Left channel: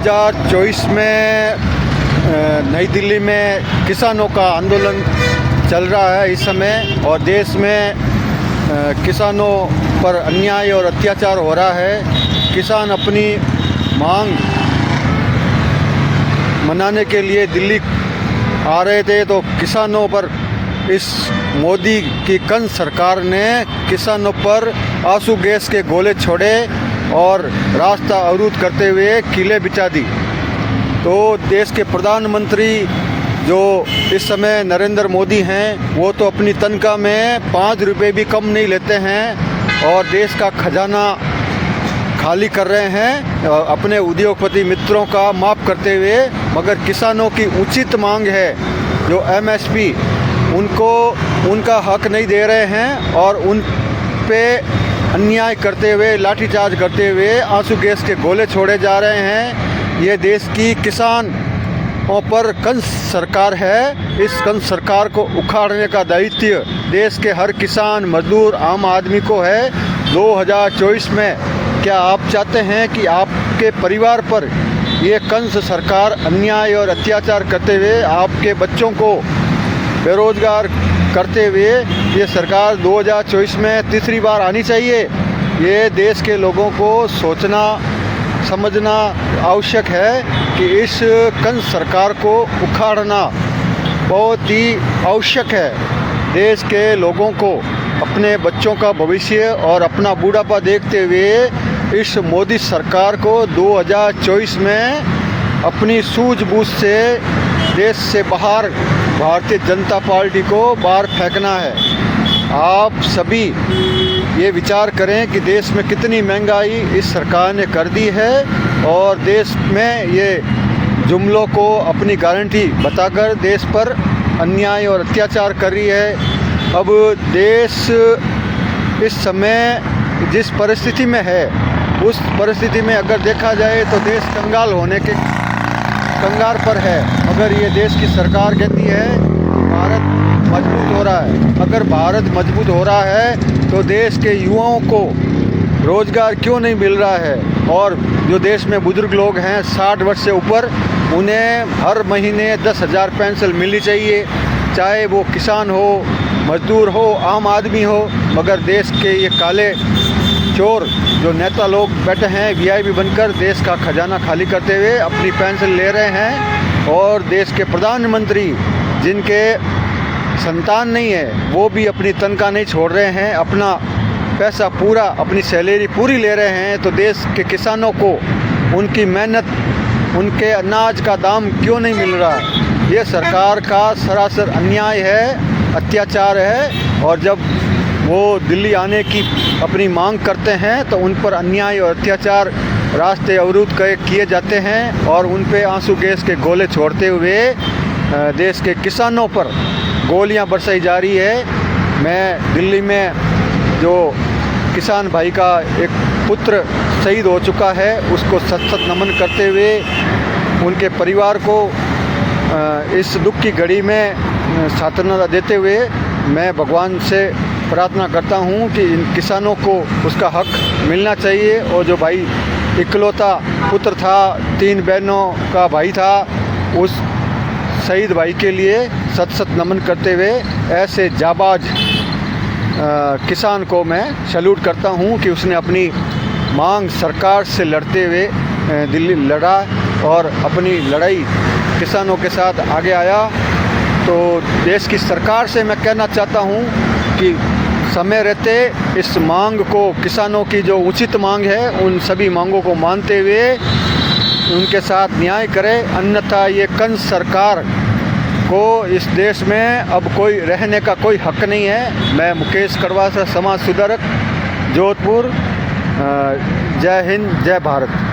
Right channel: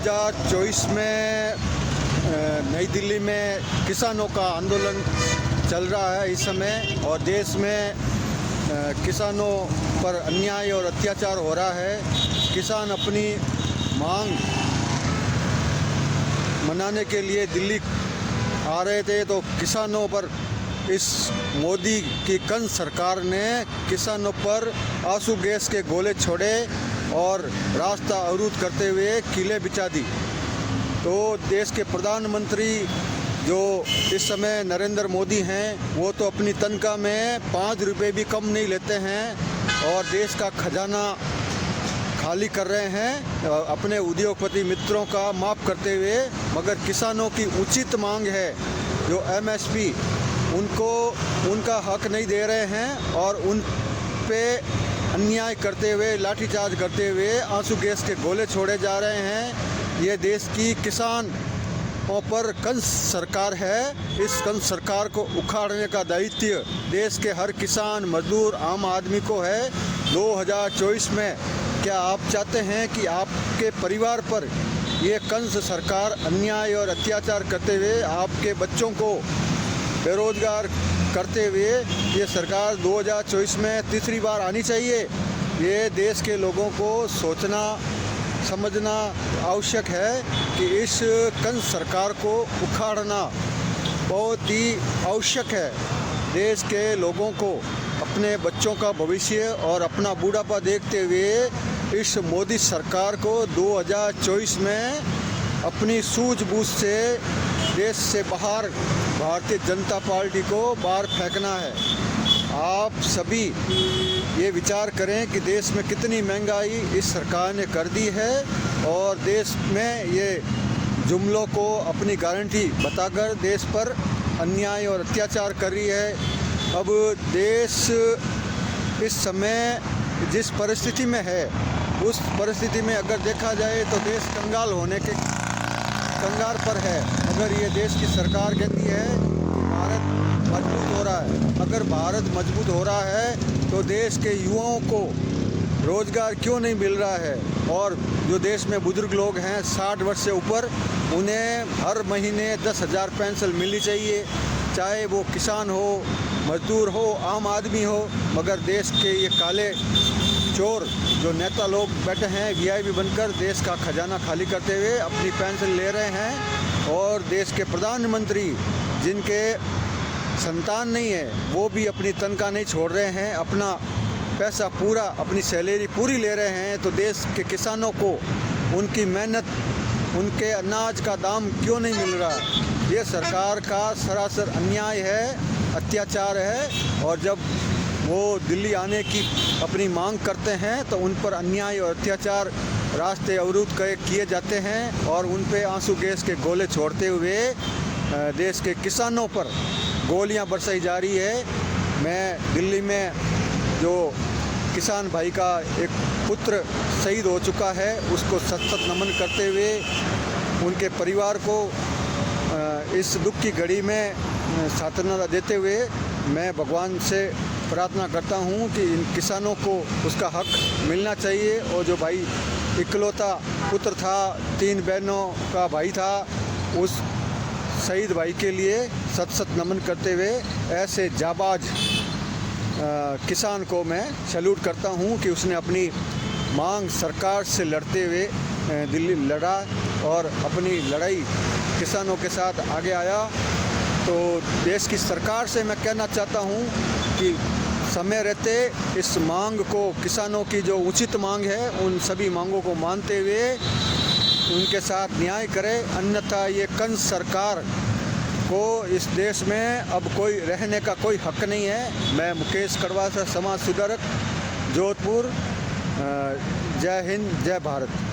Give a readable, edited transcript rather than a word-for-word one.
2024 में नई दिल्ली में किसानों का आंदोलन चल रहा है इस समय, और देश में किसानों पर अन्याय और अत्याचार हो रहा है। किसान अपनी मांग मनाने के लिए दिल्ली आ रहे थे, तो किसानों पर इस मोदी की कंस सरकार ने किसानों पर आंसू गैस के गोले छोड़े और रास्ता अवरुद्ध करते हुए किले बिछा दी। तो देश के प्रधानमंत्री जो इस समय नरेंद्र मोदी हैं, वो तो अपनी तनख्वाह में 5 रुपये भी कम नहीं लेते हैं और देश का खजाना खाली कर रहे हैं अपने उद्योगपति मित्रों का माफ़ करते हुए। मगर किसानों की उचित मांग है जो MSP, उनको उनका हक नहीं दे रहे हैं और उन पे अन्याय करते हुए, लाठीचार्ज करते हुए आंसू गैस के गोले छोड़े जा रहे हैं। ये देश की किसानों पर कंस सरकार है। इस कंस सरकार को उखाड़ने का दायित्व देश के हर किसान, मजदूर, आम आदमी को है। 2024 में क्या आप चाहते हैं कि आपके परिवार पर ये कंस सरकार अन्याय और अत्याचार करते हुए, आपके बच्चों को बेरोजगार करते हुए ये सरकार 2024 में तीसरी बार आनी चाहिए? ये देश के लोगों को सोचना समझना आवश्यक है कि इस कंस सरकार को उखाड़ना बहुत ही आवश्यक है। देश के लोगों को अपने बच्चों का भविष्य और अपना बूढ़ापा देखते हुए इस मोदी सरकार को 2024 में अपनी सूझबूझ से देश से बाहर भारतीय जनता पार्टी को बाहर फेंकना है। आप सभी ये विचार करें कि देश में कितनी महंगाई इस सरकार ने कर दी है और देश में ये जुमलों को अपनी गारंटी बताकर देश पर अन्याय और अत्याचार कर रही है। अब देश इस समय जिस परिस्थिति में है, उस परिस्थिति में अगर देखा जाए तो देश कंगाल होने के कंगार पर है। अगर ये देश की सरकार कहती है कि भारत मजबूत हो रहा है, अगर भारत मजबूत हो रहा है तो देश के युवाओं को रोज़गार क्यों नहीं मिल रहा है? और जो देश में बुजुर्ग लोग हैं 60 वर्ष से ऊपर, उन्हें हर महीने 10,000 पेंशन मिलनी चाहिए, चाहे वो किसान हो, मजदूर हो, आम आदमी हो। मगर देश के ये काले चोर जो नेता लोग बैठे हैं VIP बनकर देश का खजाना खाली करते हुए अपनी पेंशन ले रहे हैं, और देश के प्रधानमंत्री जिनके संतान नहीं है, वो भी अपनी तनख्वाह नहीं छोड़ रहे हैं, अपना पैसा पूरा, अपनी सैलरी पूरी ले रहे हैं। तो देश के किसानों को उनकी मेहनत, उनके अनाज का दाम क्यों नहीं मिल रहा? ये सरकार का सरासर अन्याय है, अत्याचार है। और जब वो दिल्ली आने की अपनी मांग करते हैं तो उन पर अन्याय और अत्याचार, रास्ते अवरुद्ध किए जाते हैं और उन पे आंसू गैस के गोले छोड़ते हुए देश के किसानों पर गोलियां बरसाई जा रही है। मैं दिल्ली में जो किसान भाई का एक पुत्र शहीद हो चुका है, उसको सत नमन करते हुए उनके परिवार को इस दुख की घड़ी में सांत्वना देते हुए मैं भगवान से प्रार्थना करता हूं कि इन किसानों को उसका हक मिलना चाहिए। और जो भाई इकलौता पुत्र था, 3 बहनों का भाई था, उस शहीद भाई के लिए सत नमन करते हुए ऐसे जाबाज किसान को मैं सैल्यूट करता हूं कि उसने अपनी मांग सरकार से लड़ते हुए दिल्ली लड़ा और अपनी लड़ाई किसानों के साथ आगे आया। तो देश की सरकार से मैं कहना चाहता हूं कि समय रहते इस मांग को, किसानों की जो उचित मांग है, उन सभी मांगों को मानते हुए उनके साथ न्याय करें। अन्यथा ये कंस सरकार को इस देश में अब कोई रहने का कोई हक नहीं है। मैं मुकेश कड़वा से, समाज सुधारक, जोधपुर। जय हिंद, जय भारत।